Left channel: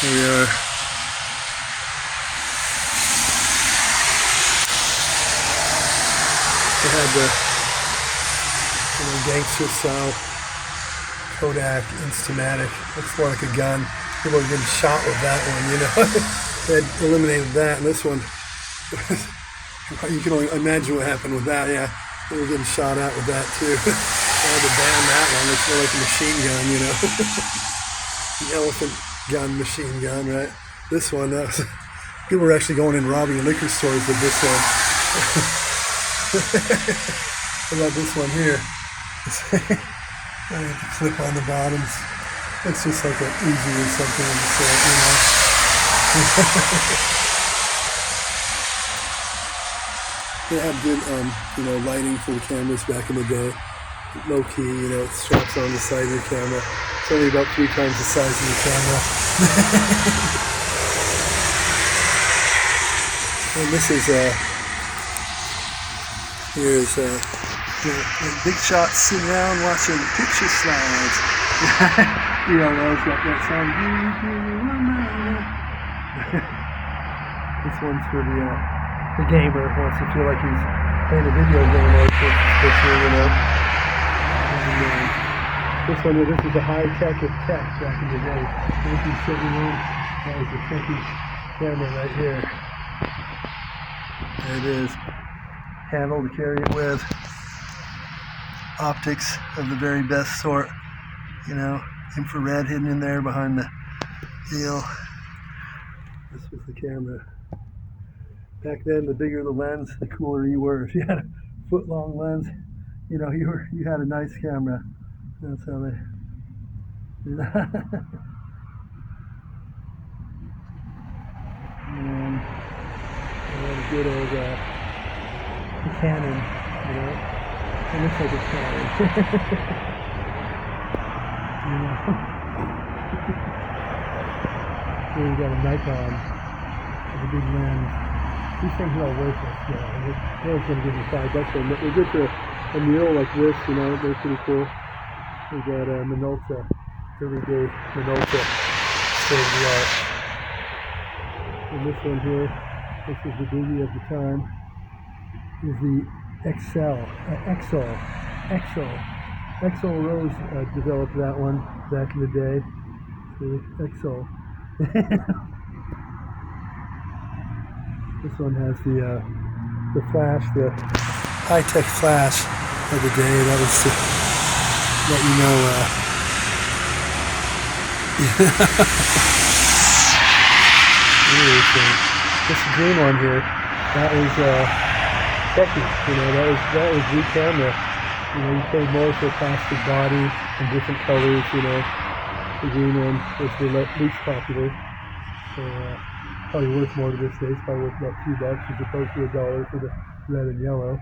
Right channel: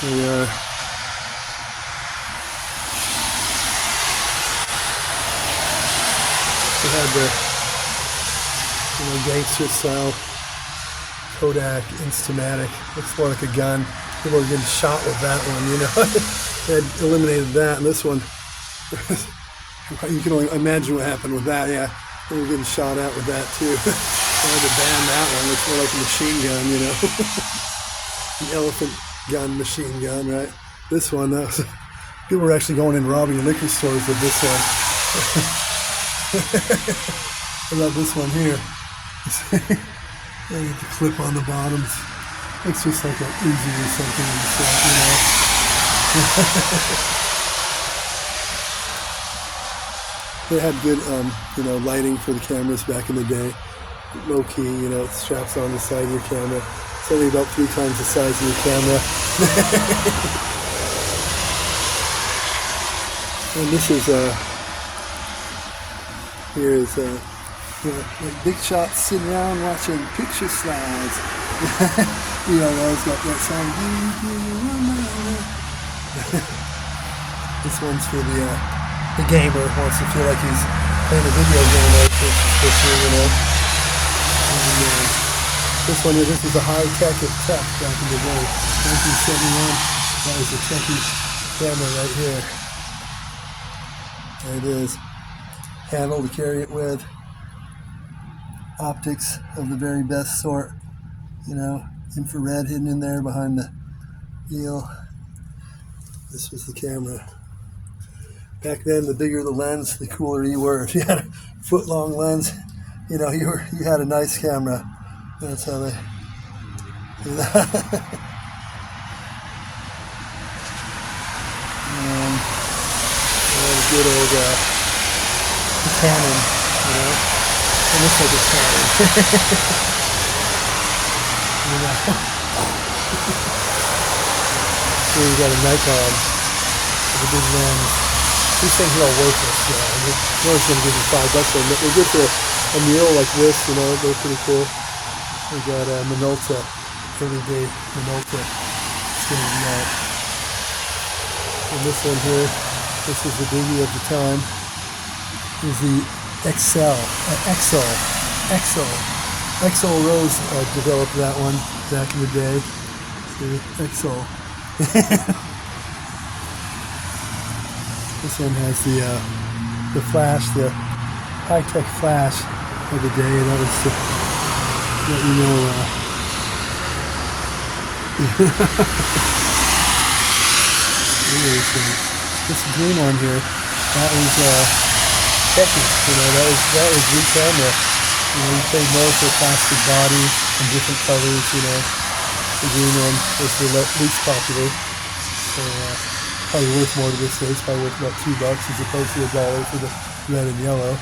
Here we are. They had the gangster style Kodak Instamatic. Looks more like a gun. People are getting shot with that one, you know. They had eliminated that, and this one, you can only imagine what happened with that, yeah. They were getting shot at with that too. I had to ban that one, which was like a machine gun, you know. An elephant gun, machine gun, right? This one, people were actually going and robbing liquor stores with this one. What about this one here? I get the clip on the bottoms. It's just like an Uzi or something on the set, you know. They had good, lighting for the cameras back in the day. Low key, you know, it straps on the side of your camera. It's only about 3 times the size of your camera. And this is here's big shots sitting around watching picture slides. You know, those got that song. This one's for the gamer who wants to feel like he's playing a video game like this year, you know. And, this is a high-tech tech back in the day. 1971. That was a techie camera right here. There it is. Handle to carry it with. Optics of the very best sort. You know, infrared hidden in there behind the deal. This was the camera. Back then, the bigger the lens, the cooler you were. If you had a foot-long lens, you know, you had a nice camera. That's how they do that. Good old Canon, you know. It looks like a Canon. You know. Here you got a Nikon with a big lens. These things are all worthless, you know. You're always going to give them $5 for them. But they're good for a meal like this, you know. They're pretty cool. We got Minolta, everyday Minolta, state of the art. And this one here, this is the biggie of the time, is the XL Rose developed that one back in the day. See, XL. This one has the flash, the high-tech flash of the day. That was to let you know. This green one here, that was techie. You know, that was good camera. You know, you played more with the plastic body in different colors. You know, the green one was the least popular. So probably worth more to this day. It's probably worth about $2 as opposed to $1 for the red and yellow.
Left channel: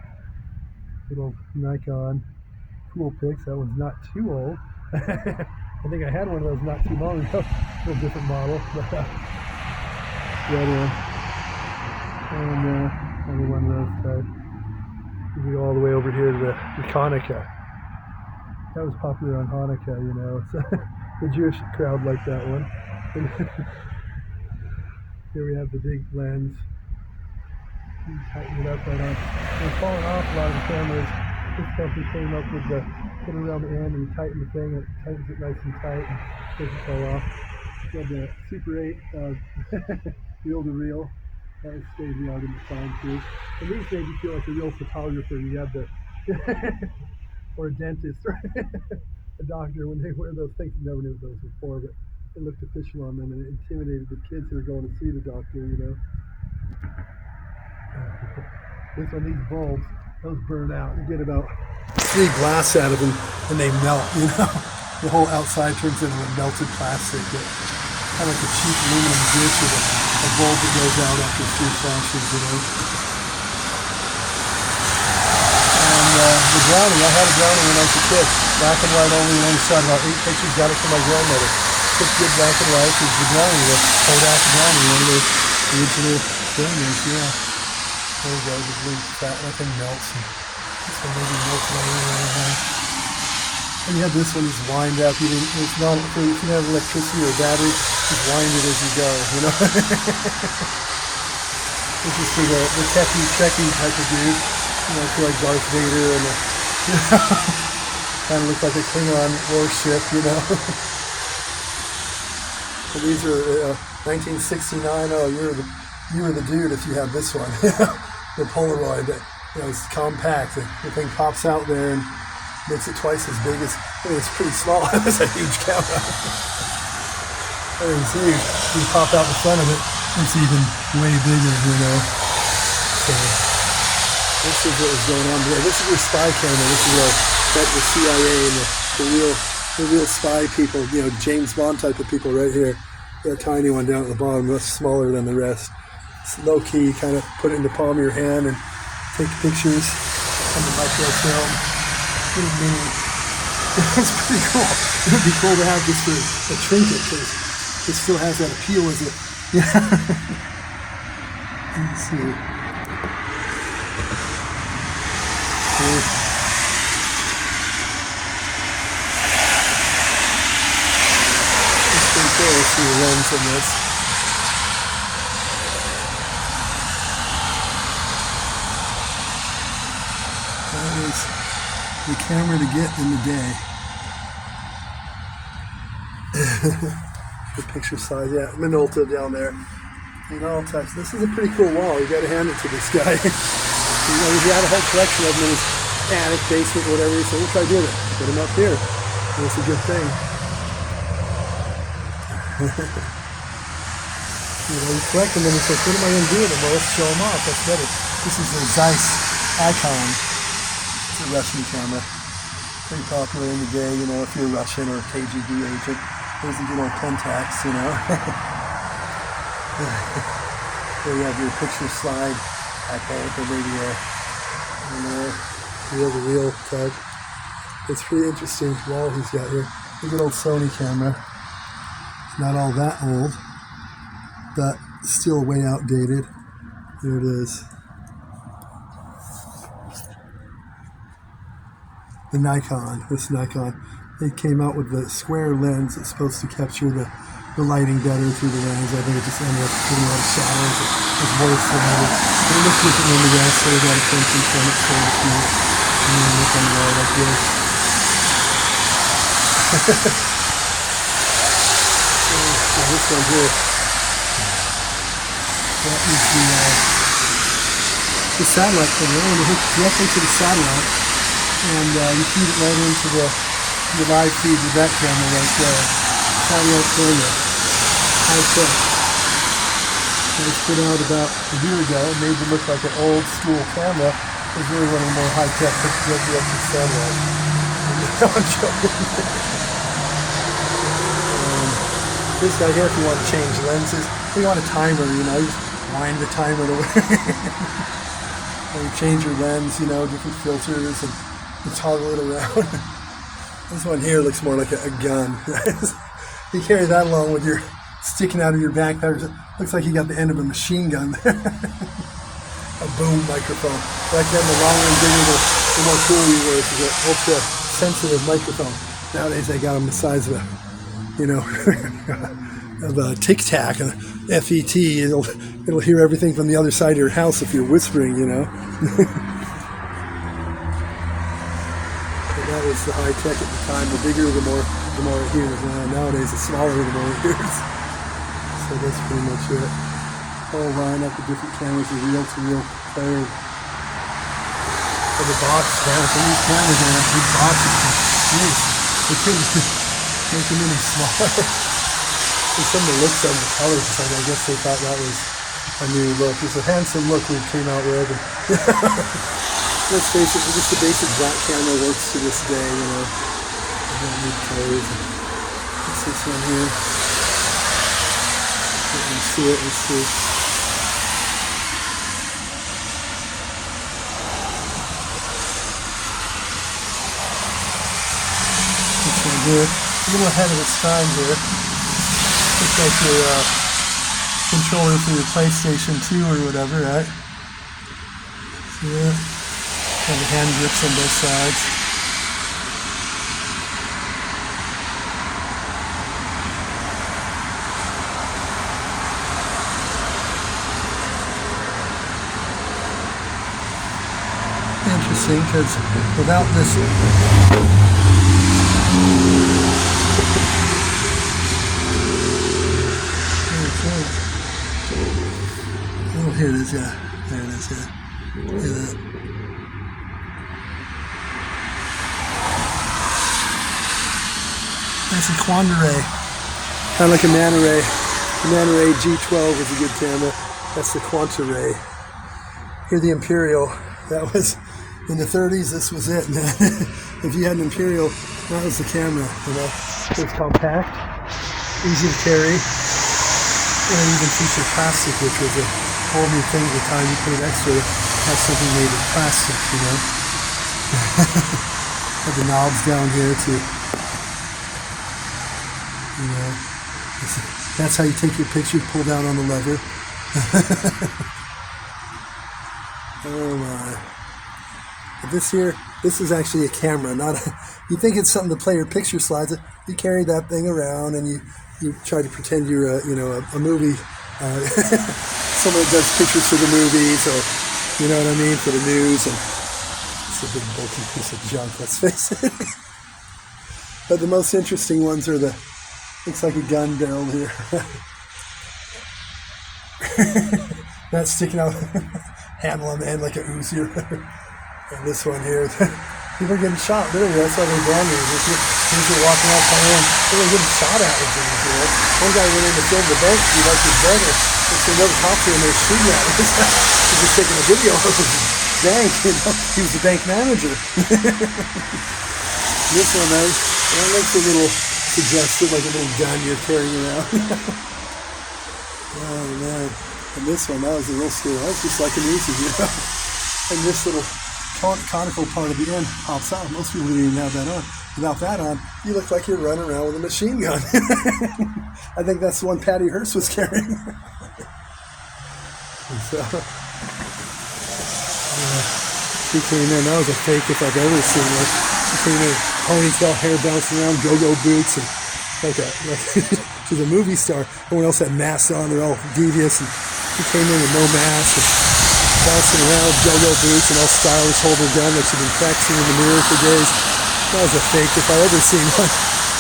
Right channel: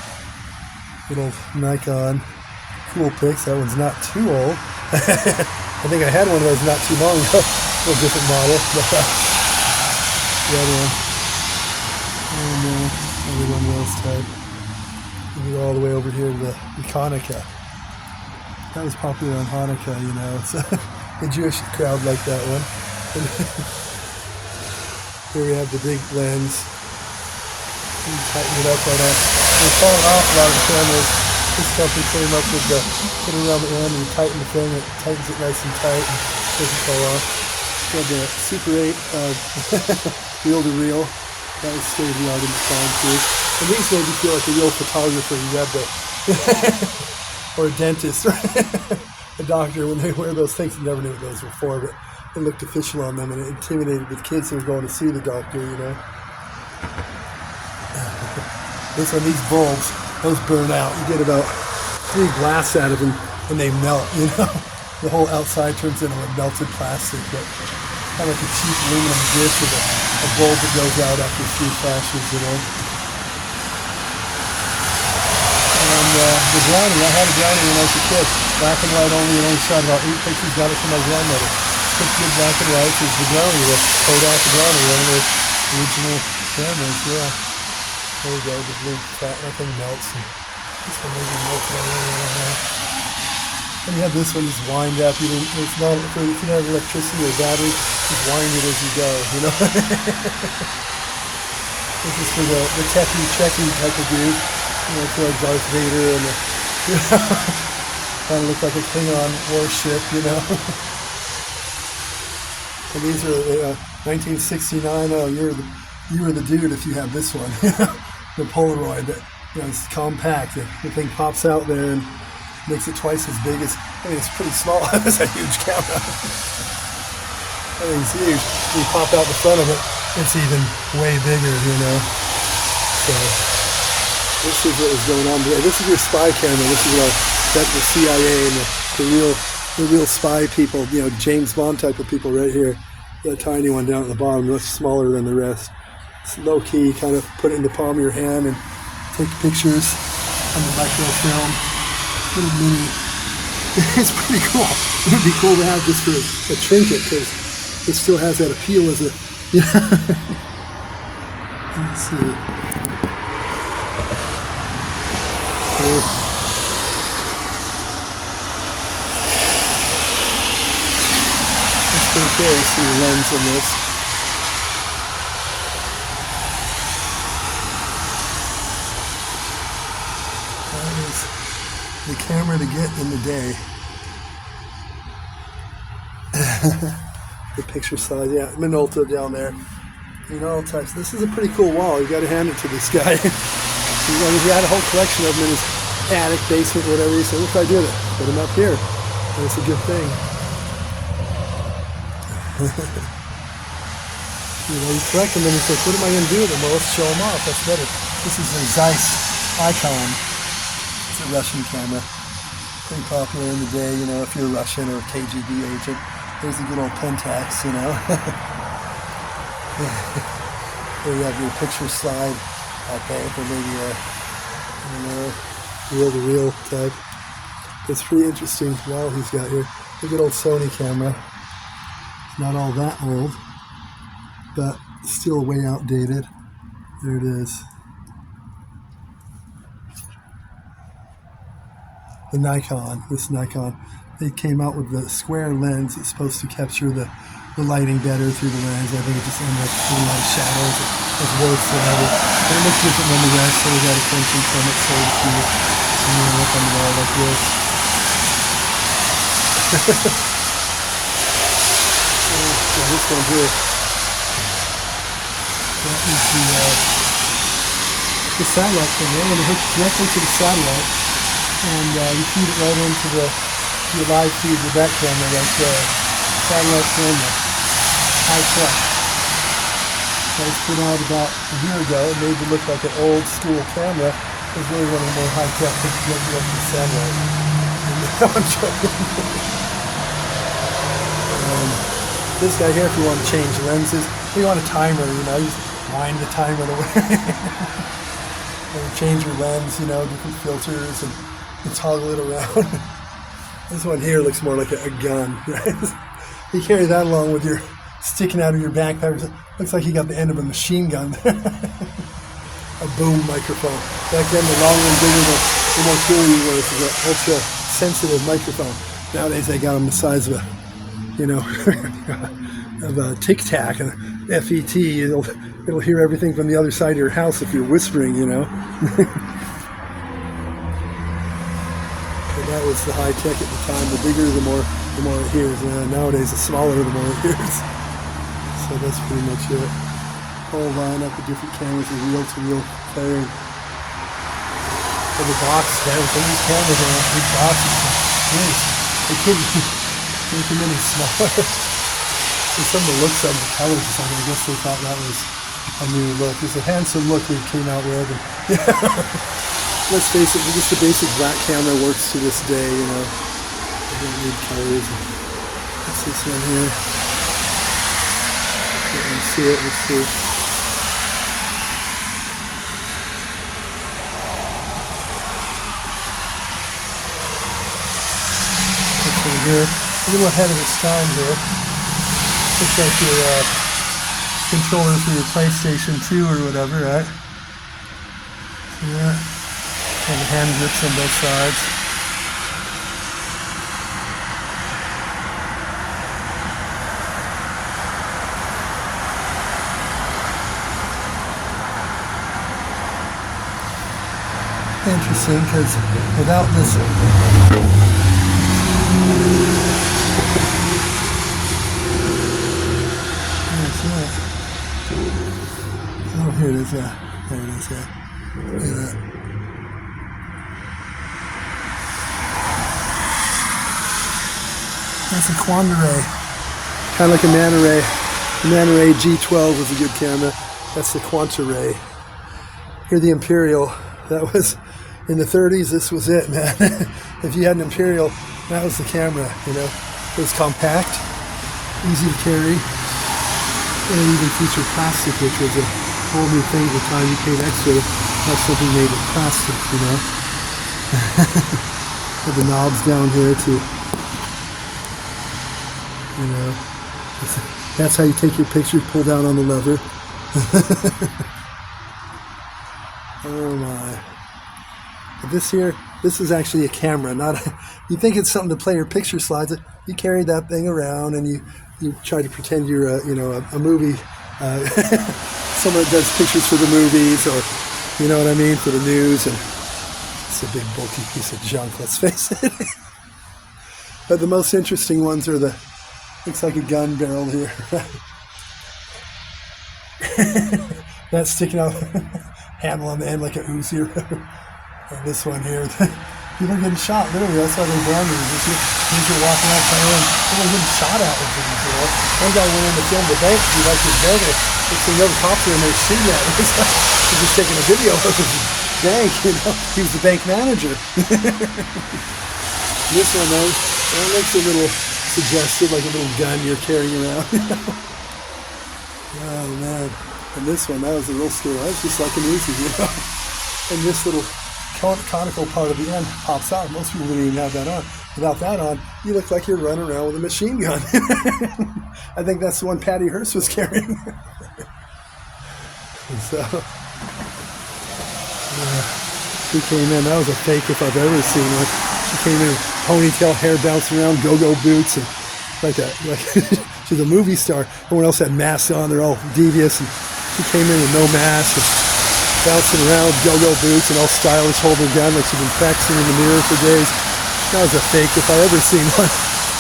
Good old Nikon. Cool pics. That one's not too old. I think I had one of those not too long ago. A little different model. But, the other one. And another one last time. And go all the way over here to the Hanukkah. That was popular on Hanukkah, you know. So the Jewish crowd liked that one. Here we have the big lens. You tighten it up on a. They're falling off a lot of the cameras. This company came up with the put it around the end and you tighten the thing. It tightens it nice and tight and doesn't fall off. So the Super 8 reel to reel. That was state of the art in the time too. And these made you feel like a real photographer. You have the or a dentist, right? A doctor when they wear those things. You never knew what those were for, but it looked official on them and it intimidated the kids who were going to see the doctor, you know. This one, these bulbs, those burn out. You get about 3 blasts out of them and they melt, you know. The whole outside turns into a melted plastic, but kind of like a cheap aluminum dish with a bulb that goes out after a few flashes, you know. And the Brownie, I had a Brownie when I was a kid. Black and white only shot about 8 pictures, got it from my grandmother. Just good black and white, it's the Brownie, the Kodak Brownie, one of the original cameras, yeah. There we go, this big fat, that thing melts. And this one maybe melts right over. And you have this one, just wind up. It's no, if you don't have electricity or battery, just wind it as you go, you know? This is for the techie checking type of dude. You know, for Darth Vader and, you know, kind of look like a Klingon warship, you know? So these are 1969. Oh, you're the dude if you have this one. The Polaroid. You know, it's compact. The thing pops out there and makes it twice as big as. I mean, it's pretty small. It's a huge camera. I think it's huge. You pop out the front of it, it's even way bigger, you know. So this is what was going on here. This is your spy camera. This is the CIA and the real spy people. You know, James Bond type of people right here. That tiny one down at the bottom, that's smaller than the rest. It's low key. Kind of put it in the palm of your hand and take pictures on the microfilm. Little mini. It's pretty cool. It would be cool to have this for a trinket because it still has that appeal as a. Let's see. Okay. It's pretty cool to see the lens in this. The camera to get in the day. The picture size, yeah, Minolta down there. You know, all types. This is a pretty cool wall. You got to hand it to this guy. He had a whole collection of them in his attic, basement, whatever. He said, "What can I do? Put them up here." And it's a good thing. You know, you collect them and you say, "What am I going to do with them?" Well, let's show them off. Let's get it. This is the Jayce icon. It's a Russian camera. Pretty popular in the day, you know, if you're a Russian or a KGB agent. There's the good old Pentax, you know. There you have your picture slide, I think, or maybe the real type. It's pretty interesting wall he's got here. Look at old Sony camera. It's not all that old, but still way outdated. There it is. The Nikon, this Nikon, they came out with the square lens that's supposed to capture the lighting better through the lens. I think it just ended up putting a lot of shadows. It's worse than ever. It looks different on the rest, so we got attention from it, so it's cute. And then look on the wall like this. And this one here, that is the satellite camera. When you hook directly to the satellite, and you feed it right into the live feed with that camera right there. Satellite camera. High tech. That was put out about a year ago. It made it look like an old school camera. It was really one of the more high tech pictures of the satellite. I'm joking. This guy here, if you want to change lenses, if you want a timer, you know, you just wind the timer away. You change your lens, you know, different filters and toggle it around. This one here looks more like a gun, right? You carry that along with your sticking out of your backpack. Looks like you got the end of a machine gun there. A boom microphone. Back then, the longer and bigger, the more cool you were. It's an ultra sensitive microphone. Nowadays, they got them the size of a, you know, of a Tic Tac, a FET. It'll hear everything from the other side of your house if you're whispering, you know. That was the high tech at the time. The bigger, the more it hears. Nowadays, the smaller, the more it hears. So that's pretty much it. Whole lineup of different cameras, the reel-to-reel player. And the box, man, some of these cameras are in these boxes. Jeez, they couldn't make them any smaller. And some of the looks of the colors, like I guess they thought that was a new look. It's a handsome look we came out with. Let's face it, just the basic black camera works to this day, you know. I don't need colors. What's this one here? Let's see it, let's see. This one here, a little ahead of its time here. Looks like your controller for your PlayStation 2 or whatever, right? See that? And the hand grips on both sides. interesting because without this, oh, here it is, yeah, there it is, yeah. Look at that. That's a quanta ray, kind of like a nanoray. The nanoray G12 is a good camera. That's the quanta ray. Here the Imperial, that was in the 30s, this was it, man. If you had an Imperial, that was the camera, you know. It was compact, easy to carry, and it even featured plastic, which was a whole new thing at the time. You paid extra to have something made of plastic, you know. Had the knobs down here too. You know, that's how you take your pictures, pull down on the lever. Oh my. This here, this is actually a camera, not a, you think it's something to play your picture slides. You carry that thing around and you try to pretend you're a movie, someone that does pictures for the movies, or you know what I mean, for the news. And it's a big bulky piece of junk, let's face it. But the most interesting ones are the, looks like a gun barrel here. That's sticking out, handle on the end like a Uzi. And this one here, people are getting shot, literally. That's why they're brand new. If you're walking out behind them, they're getting shot at with them. You know? One guy went in the film, the bank, he like his brother. It's a little copter and they're shooting at him. He's just taking a video of the bank, you know. He was the bank manager. This one, man, that looks a little suggestive, like a little gun you're carrying around. Oh man. And this one, that was a real scale. That's just like an Uzi, you know. And this little conical part of the end pops out. Most people didn't even have that on. Without that on, you look like you're running around with a machine gun. I think that's the one Patty Hearst was carrying. So, she came in. That was a fake if I've ever seen one. She came in, ponytail, hair bouncing around, go-go boots, and like she's a movie star. Everyone else had masks on. They're all devious, and she came in with no mask. And bouncing around, go-go boots, and all stylish, holding a gun like she'd been practicing in the mirror for days. That was a fake if I ever seen one.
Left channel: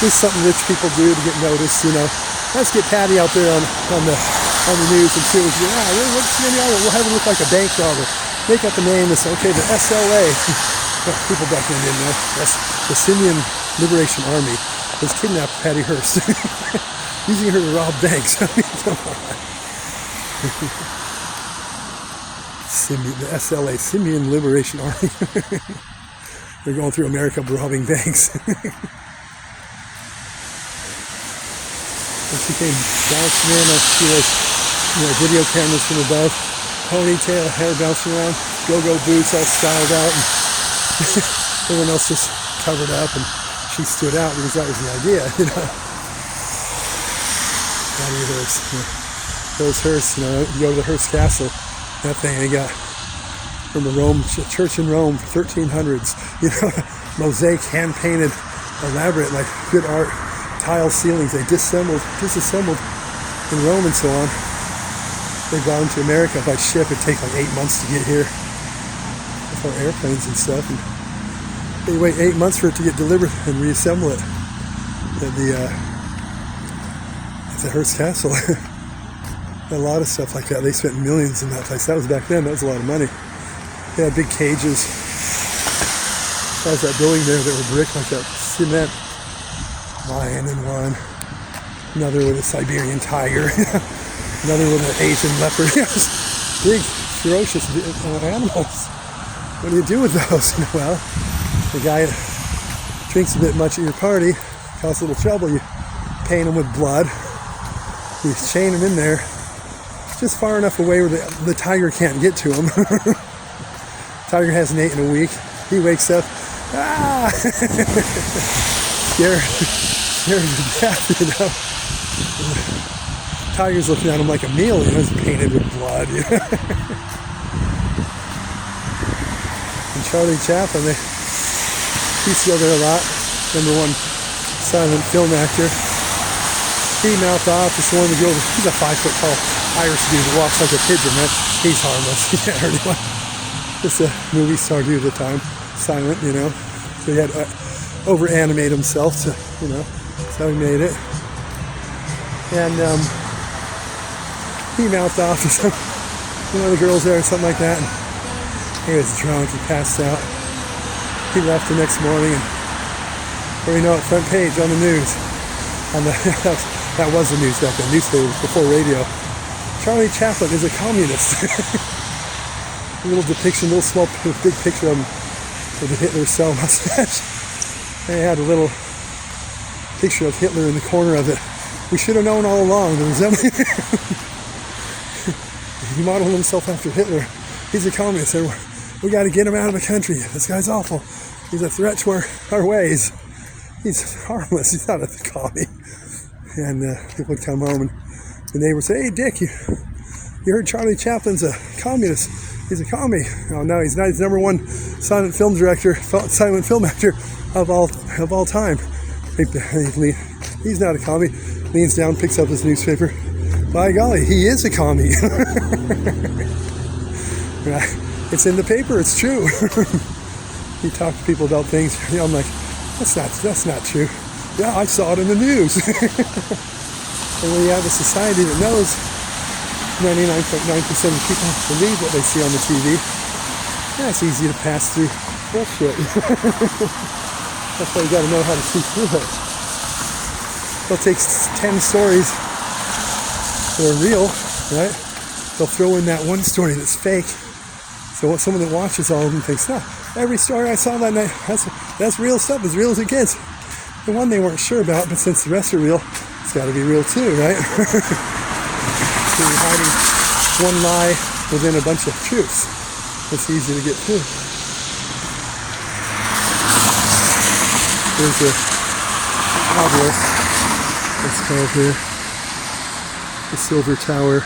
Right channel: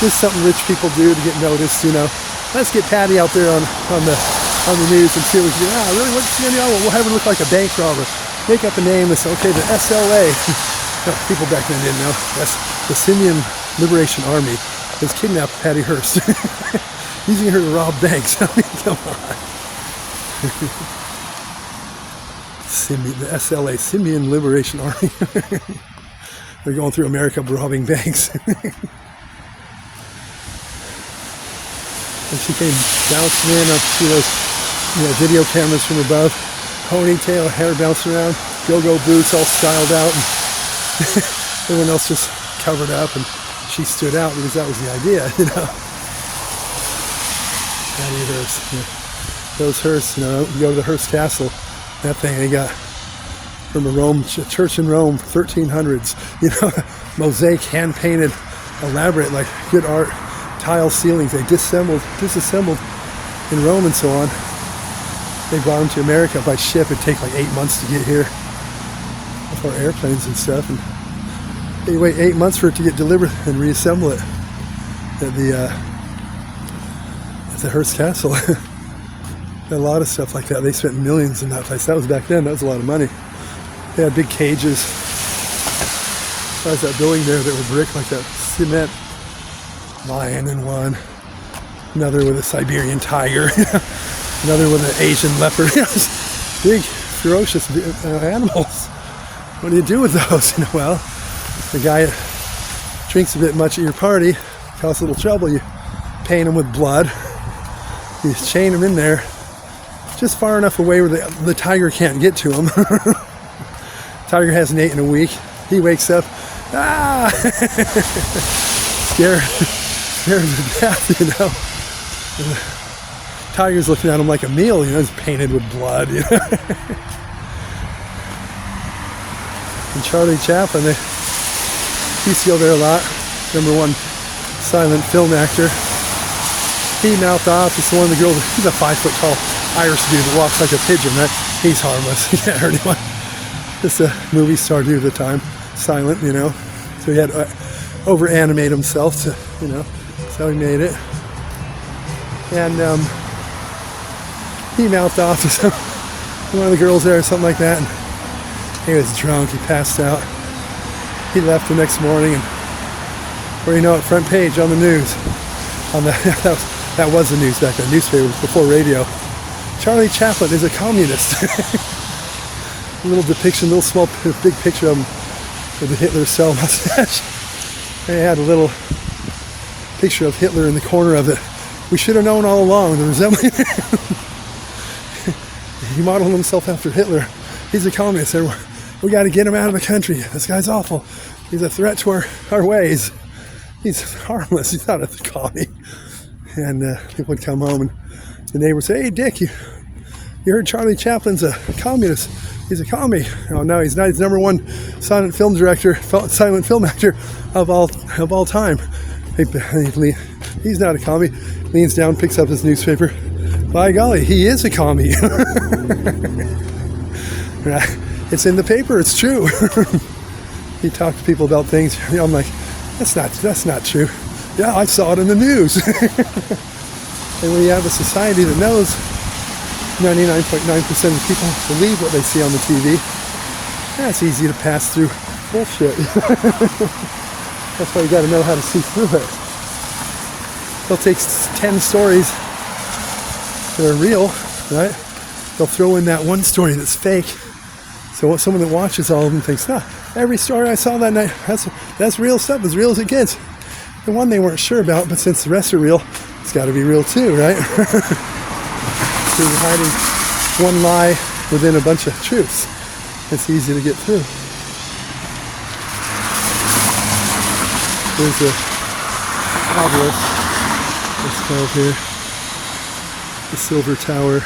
Just something rich people do to get noticed, you know. Let's get Patty out there on the news and see what we do. What's the name? We'll have it look like a bank robber. Make up a name and say, okay, the SLA. People back then didn't know. That's the Syrian Liberation Army has kidnapped Patty Hearst, using her to rob banks. I mean, come on. The SLA, Syrian Liberation Army. They're going through America robbing banks. And she came bouncing in up through those video cameras from above. Ponytail, hair bouncing around, go-go boots all styled out. And everyone else just covered up, and she stood out because that was the idea, you know. Those Hearst, you go to the Hearst Castle. That thing they got from the church in Rome, 1300s, you know, mosaic, hand-painted, elaborate, like good art, tile ceilings. They disassembled in Rome and so on. They brought them to America by ship. It'd take like 8 months to get here with our airplanes and stuff. And they wait 8 months for it to get delivered and reassemble it at the Hearst Castle. A lot of stuff like that. They spent millions in that place. That was back then. That was a lot of money. They had big cages. There's that building there that was brick like that cement lion in one. Another with a Siberian tiger. Another with an Asian leopard. Big, ferocious animals. What do you do with those? Well, the guy drinks a bit much at your party, causes a little trouble. You paint him with blood. You chain him in there just far enough away where the tiger can't get to him. Tiger hasn't eaten in a week. He wakes up, scared to death, you know. And the tiger's looking at him like a meal, you know, he's painted with blood, you know. And Charlie Chaplin, he used to go there a lot. Remember one silent film actor, he mouthed off to one of the girls. He's a 5 foot tall Irish dude who walks like a pigeon, right? He's harmless. He can't hurt anyone. just a movie star dude at the time, silent, you know. So he had to over-animate himself, so, you know, that's how he made it. And he mouthed off to one of the girls there or something like that. And he was drunk, he passed out. He left the next morning, and where you know it, front page on the news. That was the news back then, newspaper before radio. Charlie Chaplin is a communist. A little depiction, little small, big picture of him with the Hitler cell mustache. They had a little picture of Hitler in the corner of it. We should have known all along. The resembling. He modeled himself after Hitler. He's a communist, and we got to get him out of the country. This guy's awful. He's a threat to our ways. He's harmless. He's not a commie. And people would come home, and the neighbor would say, "Hey, Dick, you heard Charlie Chaplin's a communist? He's a commie." Oh no, he's not. He's number one silent film director, silent film actor of all time. He's not a commie. Leans down, picks up his newspaper. By golly, he is a commie. It's in the paper. It's true. You talk to people about things. You know, I'm like, that's not true. Yeah, I saw it in the news. And when you have a society that knows 99.9% of people believe what they see on the TV, yeah, it's easy to pass through bullshit. That's why you got to know how to see through it. They'll take 10 stories that are real, right? They'll throw in that one story that's fake. So someone that watches all of them thinks, nah, every story I saw that night, that's real stuff, as real as it gets. The one they weren't sure about, but since the rest are real, it's got to be real too, right? So you're hiding one lie within a bunch of truths. It's easy to get through. These are obelisks. It's called here the Silver Tower.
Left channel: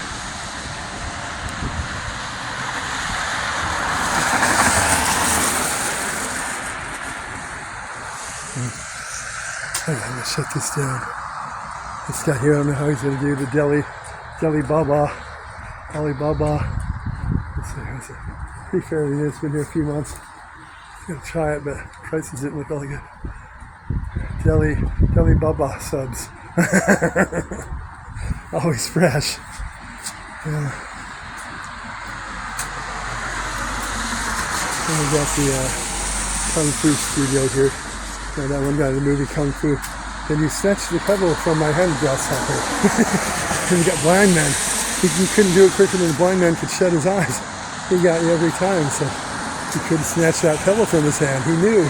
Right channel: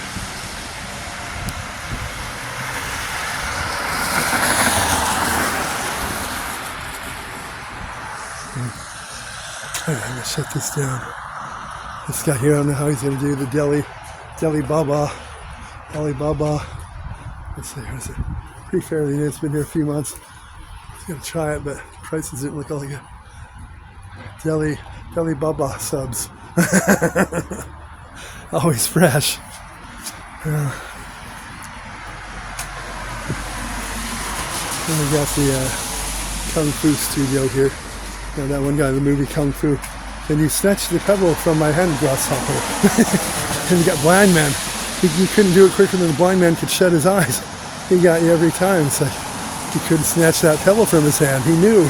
I'm gonna shut this down. This guy here, I don't know how he's gonna do the Delhi Baba. Alibaba. It's pretty fairly new. It's been here a few months. I'm gonna try it, but the prices didn't look all good. Delhi Baba subs. Always fresh. Yeah. And we got the Kung Fu studio here. Yeah, that one guy in the movie Kung Fu. And you snatched the pebble from my hand grasshopper. And you got blind man. You couldn't do it quicker than the blind man could shut his eyes. He got you every time. So he couldn't snatch that pebble from his hand. Who knew?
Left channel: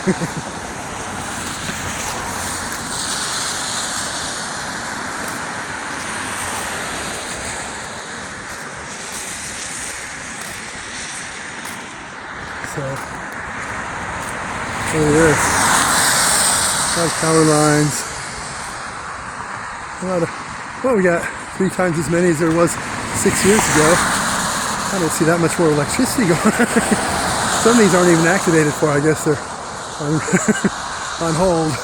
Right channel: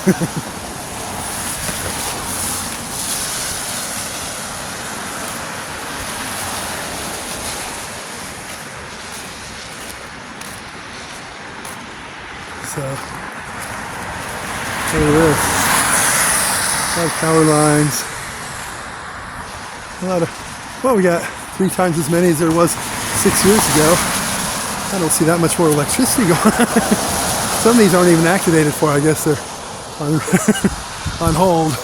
Power lines. Well, we got 3 times as many as there was 6 years ago. I don't see that much more electricity going on. Some of these aren't even activated for, I guess they're on hold.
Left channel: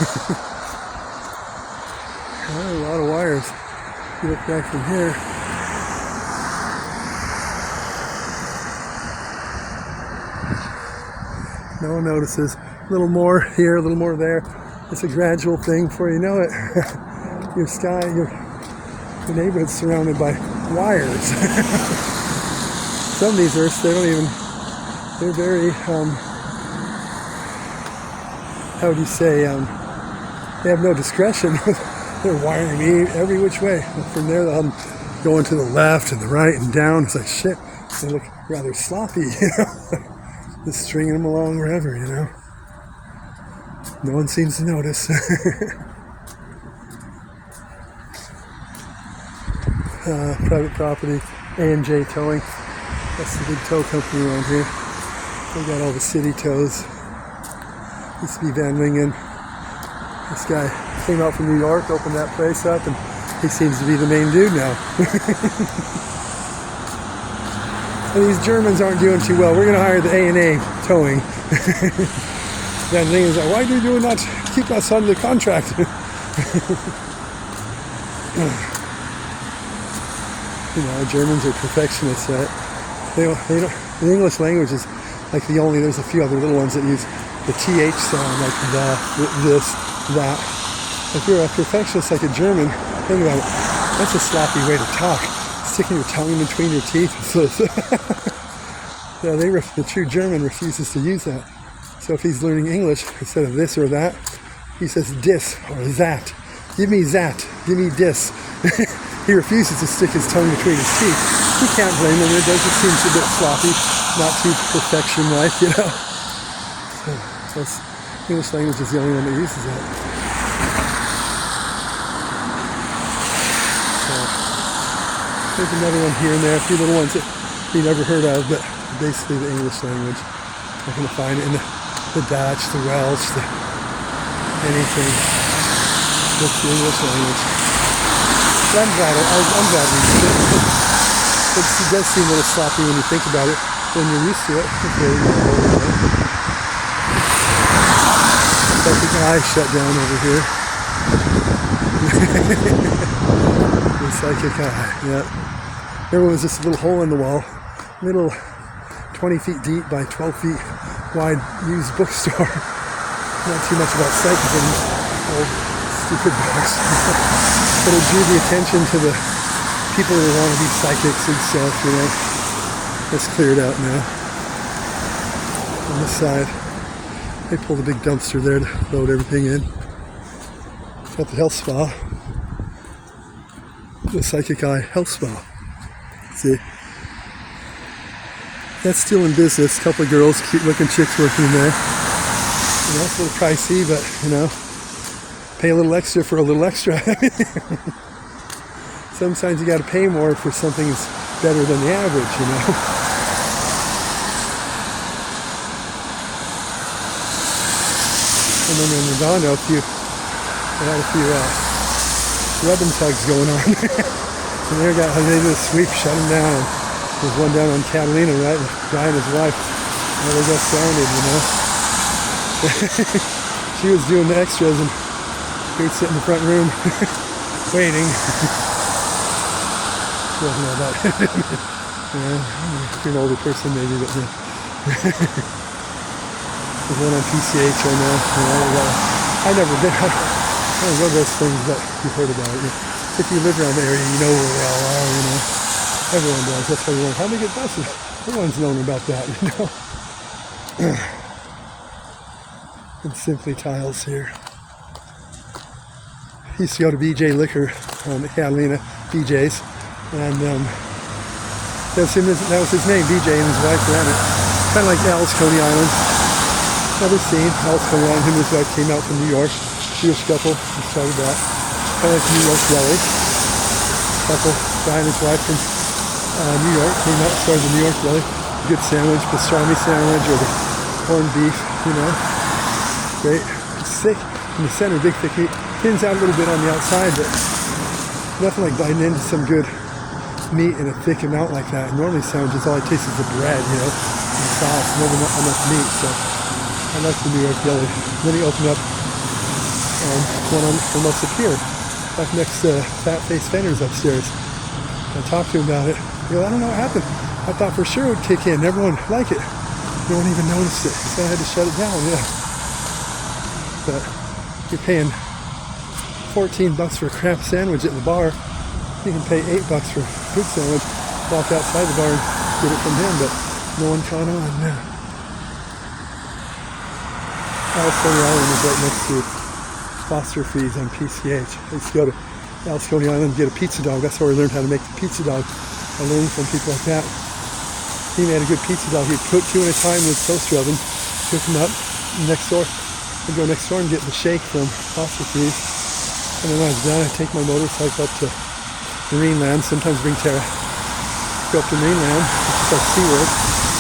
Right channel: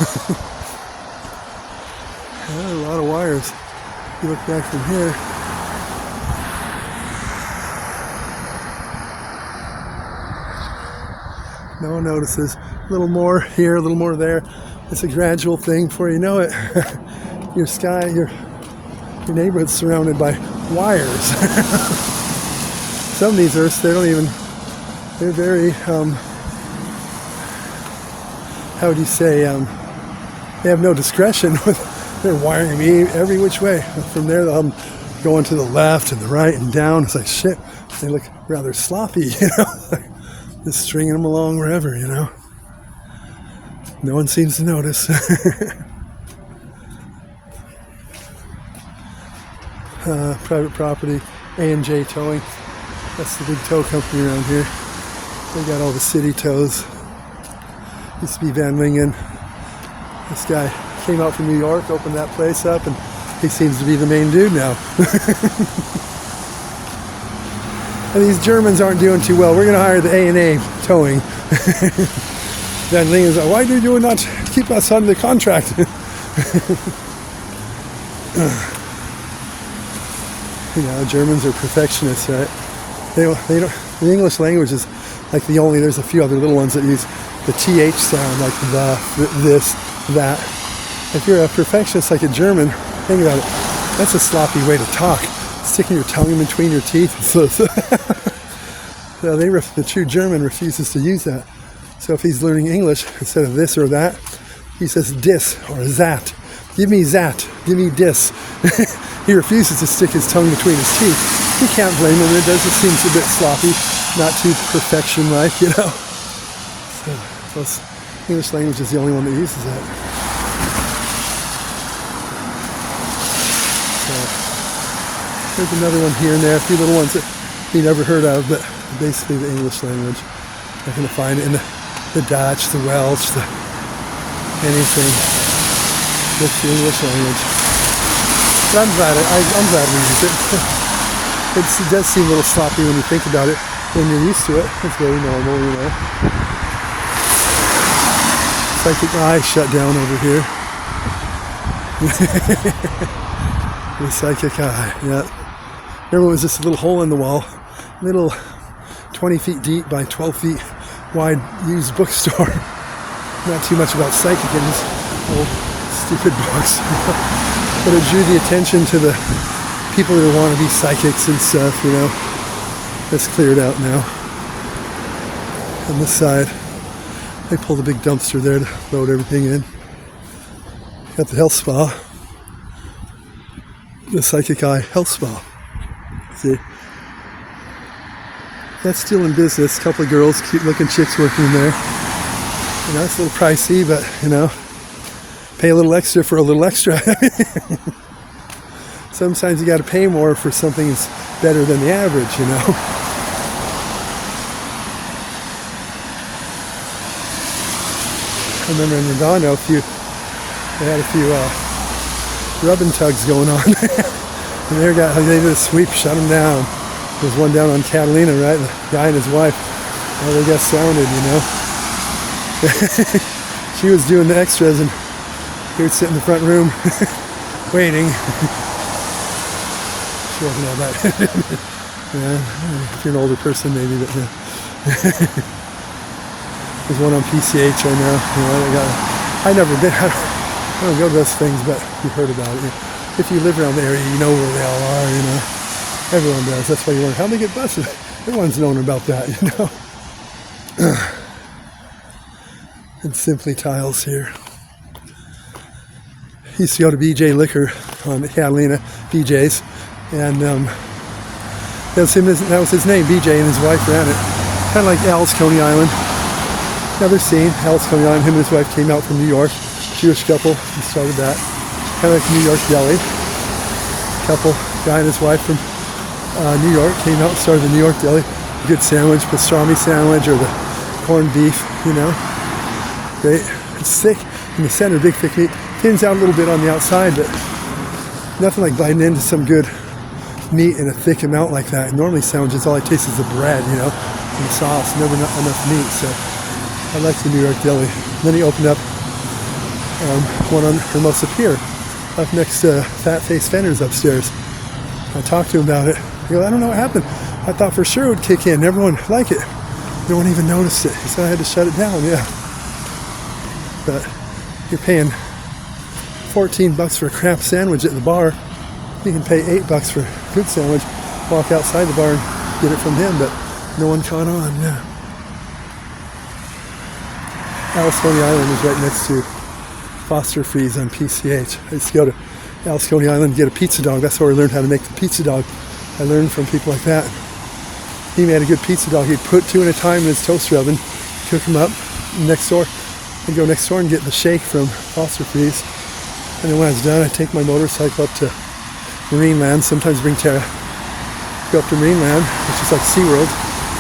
Well, a lot of wires. If you look back from here. No notices. A little more here, a little more there. It's a gradual thing. Before you know it, your neighborhood's surrounded by wires. Some of these Earths, they're very, how would you say, they have no discretion. They're wiring me every which way. From there, I'm going to the left and the right and down. It's like, shit, they look rather sloppy, you know? Just stringing them along wherever, you know? No one seems to notice. Private property, A&J Towing. That's the big tow company around here. They got all the city tows. Used to be Van Wingen. This guy came out from New York, opened that place up, and he seems to be the main dude now. And these Germans aren't doing too well. We're going to hire the A&A Towing. That thing is, why do you not keep us on the contract? You know, Germans are perfectionists, right? They don't, the English language is Like there's a few other little ones that use the TH sound, like this, that. If you're a perfectionist like a German, think about it. That's a sloppy way to talk. Sticking your tongue in between your teeth. The true German refuses to use that. So if he's learning English, instead of this or that, he says dis or that. Give me that. Give me dis. He refuses to stick his tongue between his teeth. You can't blame him. It does. It seems a bit sloppy, not too perfection-like, you know. So English language is the only one that uses that. There's another one here and there, a few little ones that you never heard of, but basically the English language. You're going to find it in the Dutch, the Welsh, anything. Just the English language. But I'm glad we use it. It does seem a little sloppy when you think about it. When you're used to it, it's very normal. You know? Psychic eye shut down over here. The psychic eye, yeah. There was just a little hole in the wall, little 20 feet deep by 12 feet wide used bookstore. Not too much about psychic things. Stupid books. But it drew the attention to the people that want to be psychics and stuff, you know. It's cleared out now. On this side, I pulled a big dumpster there to load everything in. Got the health spa. The Psychic Eye Health Spa. See? That's still in business. A couple of girls, cute looking chicks working there. You know, it's a little pricey, but you know, pay a little extra for a little extra. Sometimes you got to pay more for something that's better than the average, you know. I remember in Nirvana, they had a few rubbing tugs going on. And they did a sweep, shut them down. There's one down on Catalina, right? The guy and his wife, they got sounded, you know. She was doing the extras and he would sit in the front room waiting. She wasn't on that. Yeah, if you're an older person maybe, but yeah. There's one on PCH I know. I never did. I don't go to those things, but you've heard about it. If you live around the area, you know where they all are, you know. Everyone does. That's why you learn how to get buses. Everyone's known about that, you know. And Simply Tiles here. He used to go to BJ Liquor on Catalina, BJ's, and that was his name, BJ, and his wife ran it. Kind of like Al's Coney Island. Never seen Al's Coney Island. Him and his wife came out from New York. Jewish couple, he started that. Kind of like New York Deli. Couple, guy and his wife from New York came out and started the New York Deli. Good sandwich, pastrami sandwich or the corned beef, you know. Great. It's thick in the center, big thick meat. Thins out a little bit on the outside, but nothing like biting into some good meat in a thick amount like that. Normally sandwiches, all it tastes is the bread, you know, and sauce, never enough meat. So I like the New York Deli. Then he opened up one on Hermosa Pier, up next to Fat Face Fender's upstairs. I talked to him about it. He goes, I don't know what happened. I thought for sure it would kick in. Everyone would like it. No one even noticed it. So I had to shut it down, yeah. But you're paying $14 for a crap sandwich at the bar. You can pay $8 for a good sandwich, walk outside the bar and get it from him, but no one caught on, yeah. Alice Coney Island is right next to Foster Freeze on PCH. I used to go to Alice Coney Island and get a pizza dog. That's where I learned how to make the pizza dog. I learned from people like that. He made a good pizza dog. He'd put 2 at a time in his toaster oven, cook them up. Next door, I'd go next door and get the shake from Foster Freeze. And then when I was done, I'd take my motorcycle up to Marineland. Sometimes bring Tara. Go up to Marineland, which is like SeaWorld,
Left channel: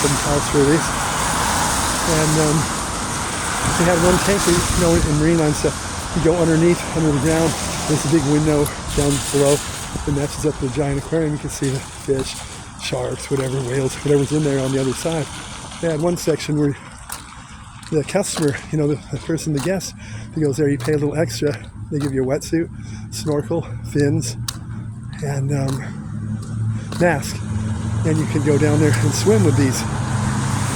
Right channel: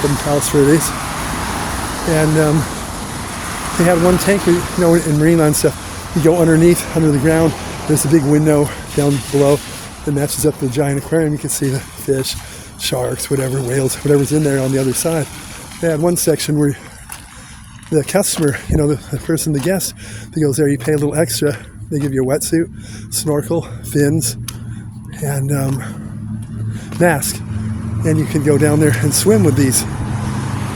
7 miles for it is. And they have one tank, you know, in Marineland stuff. You go underneath, under the ground. There's a big window down below that matches up the giant aquarium. You can see the fish, sharks, whatever, whales, whatever's in there on the other side. They had one section where the customer, you know, the person, the guest, he goes there, you pay a little extra. They give you a wetsuit, snorkel, fins, and mask. And you can go down there and swim with these.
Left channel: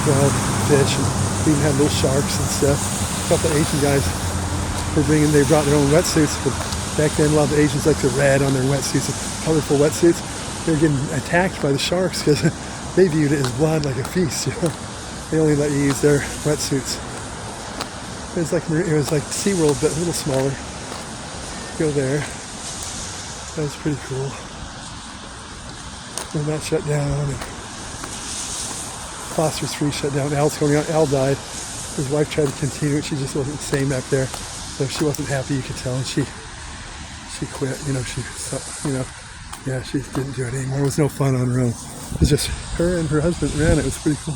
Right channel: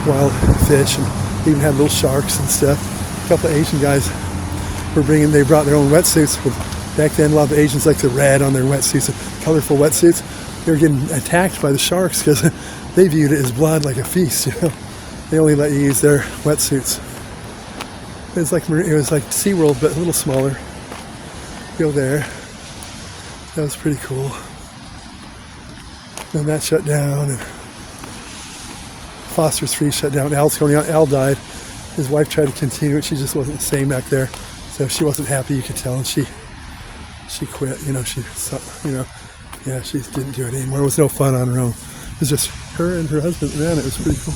wild fish. We even had little sharks and stuff. A couple of Asian guys they brought their own wetsuits. Back then, a lot of the Asians liked to red on their wetsuits, colorful wetsuits. They were getting attacked by the sharks because they viewed it as blood, like a feast. You know, they only let you use their wetsuits. It was like SeaWorld, but a little smaller. Go there. That was pretty cool. And that shut down. And Foster's Free shut down. Al died. His wife tried to continue it. She just wasn't the same back there. So she wasn't happy, you could tell, and she quit. You know, she didn't do it anymore. It was no fun on her own. It was just her and her husband ran it. It was pretty cool.